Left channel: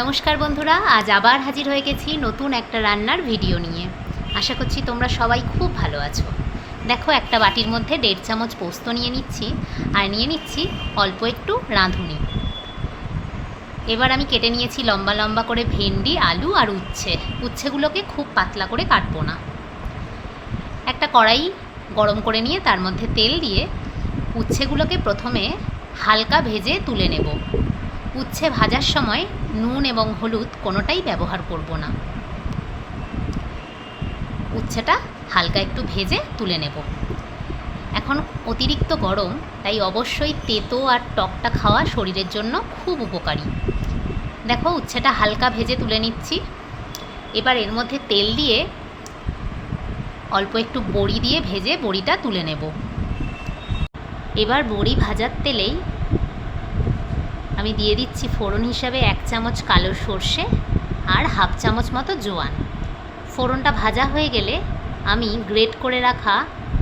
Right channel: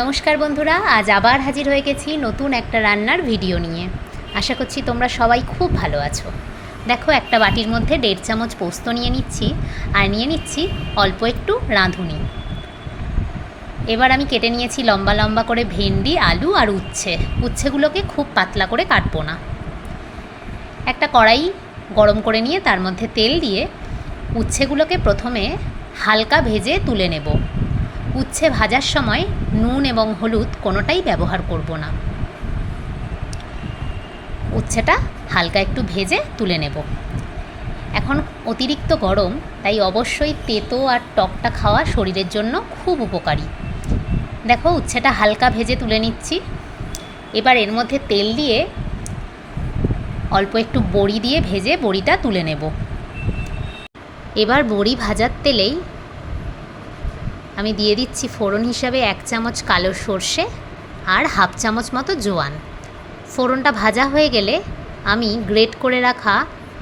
নমস্কার বন্ধুরা, আজ আবার হাজির হয়ে গেছি নতুন একটা রান্নার ভিডিও নিয়ে। আশা করছি তোমরা সবাই খুব ভালো আছো। দেখো, একটা বাটির মধ্যে 1.5 চামচ পোস্ত নিয়ে নিচ্ছি আর নিয়ে নিচ্ছি অল্প একটু রাঁধুনি। এবার আমি কেটে নিয়েছি লম্বা লম্বা করে ভেন্ডি, আলু আর উচ্ছেগুলোকে খুব পাতলা করে কাটবো না। একটা কড়াই গরম করে নিয়ে তার মধ্যে তেল দিয়ে উচ্ছেগুলোকে প্রথমে হালকা ভেজে তুলে নেব। উচ্ছে ভাজার সময় নুন এবং হলুদ কোনোটাই ব্যবহার করব না। উচ্ছেটা হালকা একটু ভেজে তুলে নেব। এখন অতিরিক্ত গরম, তাই অবশ্যই তেতো আর টকটা খাওয়া শরীরের জন্য খুব উপকারী। দেখো, উচ্ছেটা হালকা ভেজে তুলে নিচ্ছি। এবার এর মধ্যে তেল দিয়ে অল্প একটু বড়ি দিয়ে ভেজে বড়িটা তুলে নেব। এবার বড়ি ভাজার তেলেই আমি দিয়ে দিচ্ছি ফোড়ন হিসাবে 1 চামচ কালো সর্ষে আর 1/2 চামচ মতো জোয়ান। ফোড়নটা ভাজা হয়ে গেলে আমি গ্রেট করে রাখা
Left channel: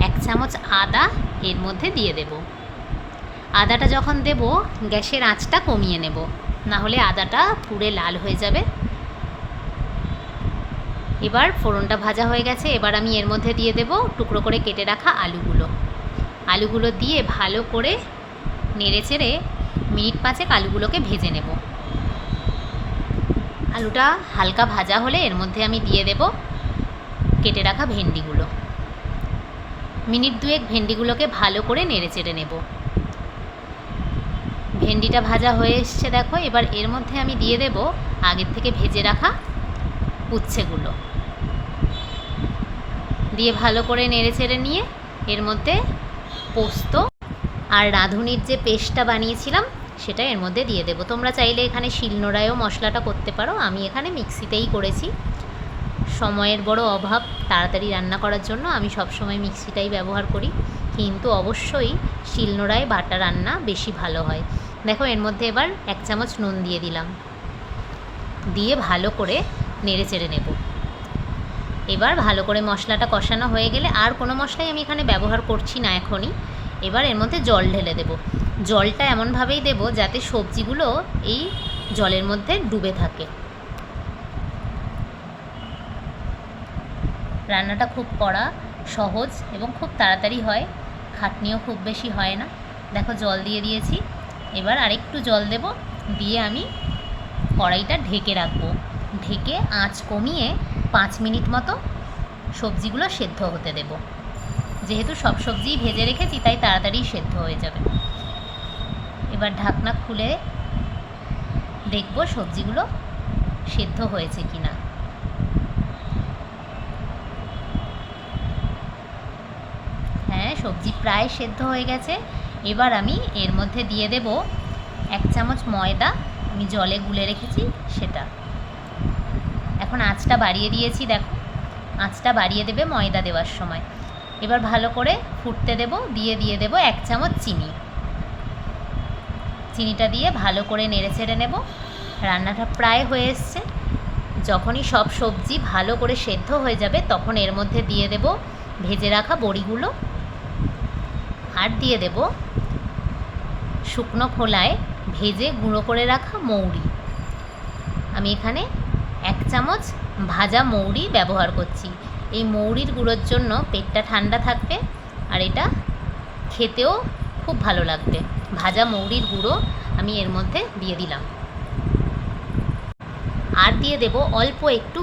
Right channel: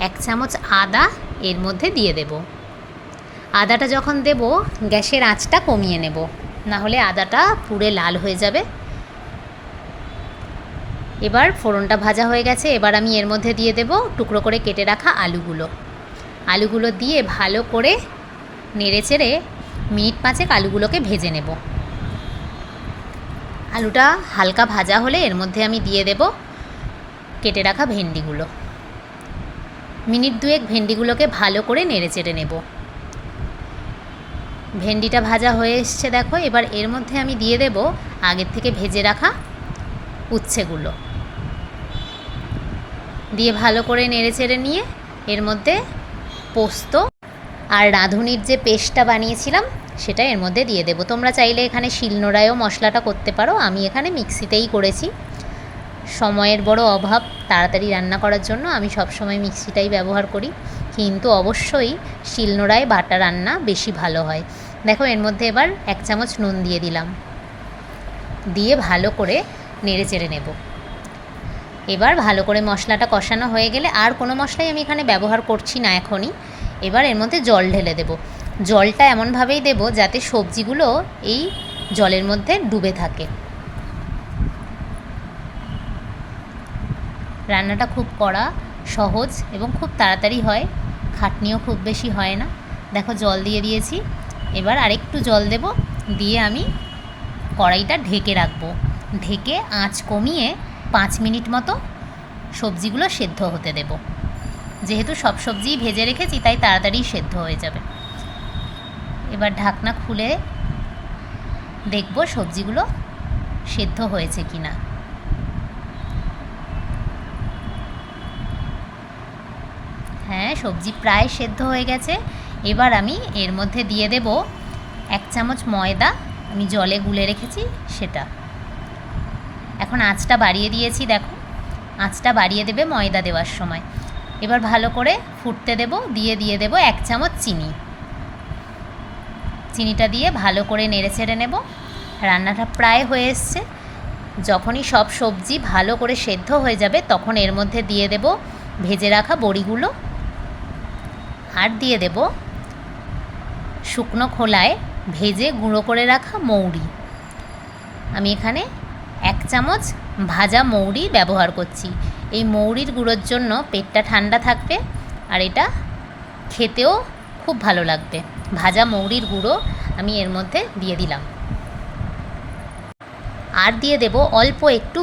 1 চামচ আদা এর মধ্যে দিয়ে দেব। আদাটা যখন দেব, গ্যাসের আঁচটা কমিয়ে নেব, না হলে আদাটা পুড়ে লাল হয়ে যাবে। এবার ফোড়নটা ভাজা হয়ে গেছে। এবার আমি এর মধ্যে দিয়ে দেব টুকরো করে কেটে রাখা আলুগুলো দিয়ে ভালো করে নেড়েচেড়ে মিনিট 5 আলুগুলোকে ভেজে নেব। আলুটা হালকা ভাজা হলে এর মধ্যে আমি দিয়ে দেব কেটে রাখা ভেন্ডিগুলো। মিনিট 2 ভেন্ডিগুলোকে ভালো করে নেড়েচেড়ে নেব। ভেন্ডিটা ভাজা হয়ে এসছে দেখো। এবার এর মধ্যে আমি দিয়ে দেব আগের থেকে ভেজে রাখা উচ্ছেগুলো দিয়ে ভালো করে নেড়েচেড়ে নিয়ে এর মধ্যে পোস্ত আর রাঁধুনির যে পেস্টটা বানিয়েছিলাম সেটা এর মধ্যে দিয়ে দেব। তোমরা চাইলে এখানে শিলনোড়ায়ও মশলাটা করতে পারো, আমি এখানে মিক্সিতেই করেছি। সময়ের বড় অভাব, তাড়াতাড়ি রান্না করার জন্য আমি সবসময় মিক্সিটাই ব্যবহার করি, কিন্তু অবশ্যই শিলনোড়ায় বাটা রান্না বেশি ভালো হয়। দেখো, এর মধ্যে এবার 1 চামচ নুন দিয়ে দিলাম, দিয়ে ভালো করে নেড়েচেড়ে নেব। এবার ভালো করে মশলাটা কষানো হয়ে গেলে, আর কোনো মশলাই আমি এখানে ব্যবহার করছি না এখনই। এবার এর মধ্যে জল ঢেলে দেব। জলটা এমনভাবেই দেব যাতে সবজিগুলো এই জলের মধ্যে ডুবে থাকে। রান্নাটা খুব কড়া, সহজ এবং খুব তাড়াতাড়ি হয়, খাটনিও খুব বেশি হয় না। দেখো, জল দিয়ে দিয়েছি। এবার আরেকটু জল দেব, দিয়ে আমি কড়াইটা ঢেকে রাখবো। ঢেকে আঁচ কমিয়ে 5 মিনিট মতো সবজিগুলো সেদ্ধ হতে দেব। যেহেতু সব সবজিই ভেজে রেখেছি, তাই তাড়াতাড়ি সেদ্ধ হয়ে যাবে। এবার ঢাকনা খুলে দেখব সবজিগুলো সেদ্ধ হয়েছে কিনা। হ্যাঁ, সবজি প্রায় সেদ্ধ হয়ে গেছে। এবার আমি এর মধ্যে দিয়ে দেব 1 চামচ ময়দা, আমি জলে গুলে রেখেছি সেটা। এখন আঁচটা বাড়িয়ে দিয়েছি, দেখো আঁচটা বাড়িয়ে দেবে ময়দা দেওয়ার সময়। এবার ভালো করে ফুটতে দেব, দিয়ে দেব 1 চামচ চিনিটা দিয়ে ভালো করে নেড়েচেড়ে নেব। রান্নাটা প্রায় হয়ে এসছে। যখনই সব সবজি ভালো করে সেদ্ধ হয়ে যাবে, তখন এর মধ্যে দিয়ে দেব ভেজে রাখা বড়িগুলো আর দিয়ে দেব শুকনো খোলায় ভেজে গুঁড়ো করে রাখা মৌরি। আমি এখানে 1 চামচ ভাজা মৌরি ব্যবহার করছি। এই মৌরির গুঁড়োর জন্য পেটটা ঠান্ডা থাকবে আর এটা খেতেও খুব ভালো লাগবে। ভাজা মৌরির গুঁড়ো আমি এর মধ্যে দিয়ে দিলাম। আর দিয়ে দেব অল্প একটু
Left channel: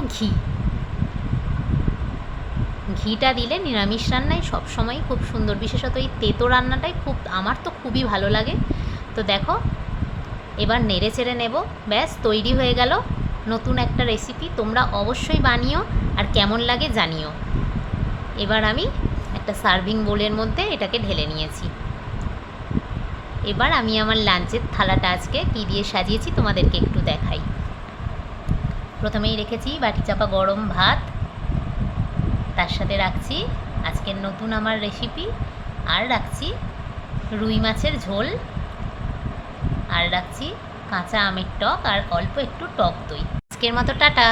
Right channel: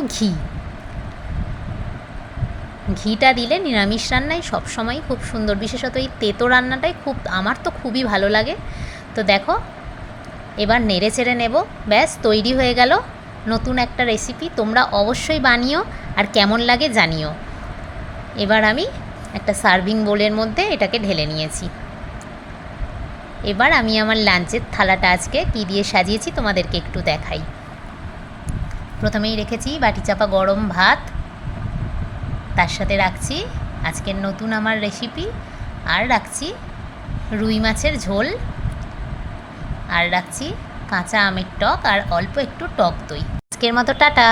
ঘিটা দিলে নিরামিষ রান্নায় সবসময় খুব সুন্দর, বিশেষত এই তেতো রান্নাটাই আমার তো খুবই ভালো লাগে। তো দেখো, এবার নেড়ে চেড়ে নেব। ব্যাস, তৈরি হয়ে গেল নতুন একটা রেসিপি। তোমরা অবশ্যই বানিও আর কেমন লাগে জানিও। এবার আমি একটা সার্ভিং বোলের মধ্যে এটাকে ঢেলে নিয়েছি। এবার আমি আমার লাঞ্চের থালাটা আজকে কী দিয়ে সাজিয়েছি তোমাদেরকে একটু দেখাই। প্রথমেই রেখেছি বাটি চাপা গরম ভাত, তার সাথে রাখছি আজকের নতুন আমার রেসিপি, আর রাখছি রুই মাছের ঝোল, আর রাখছি কাঁচা আমের টক আর অল্প একটু টক দই। আজকের মতো টাটা।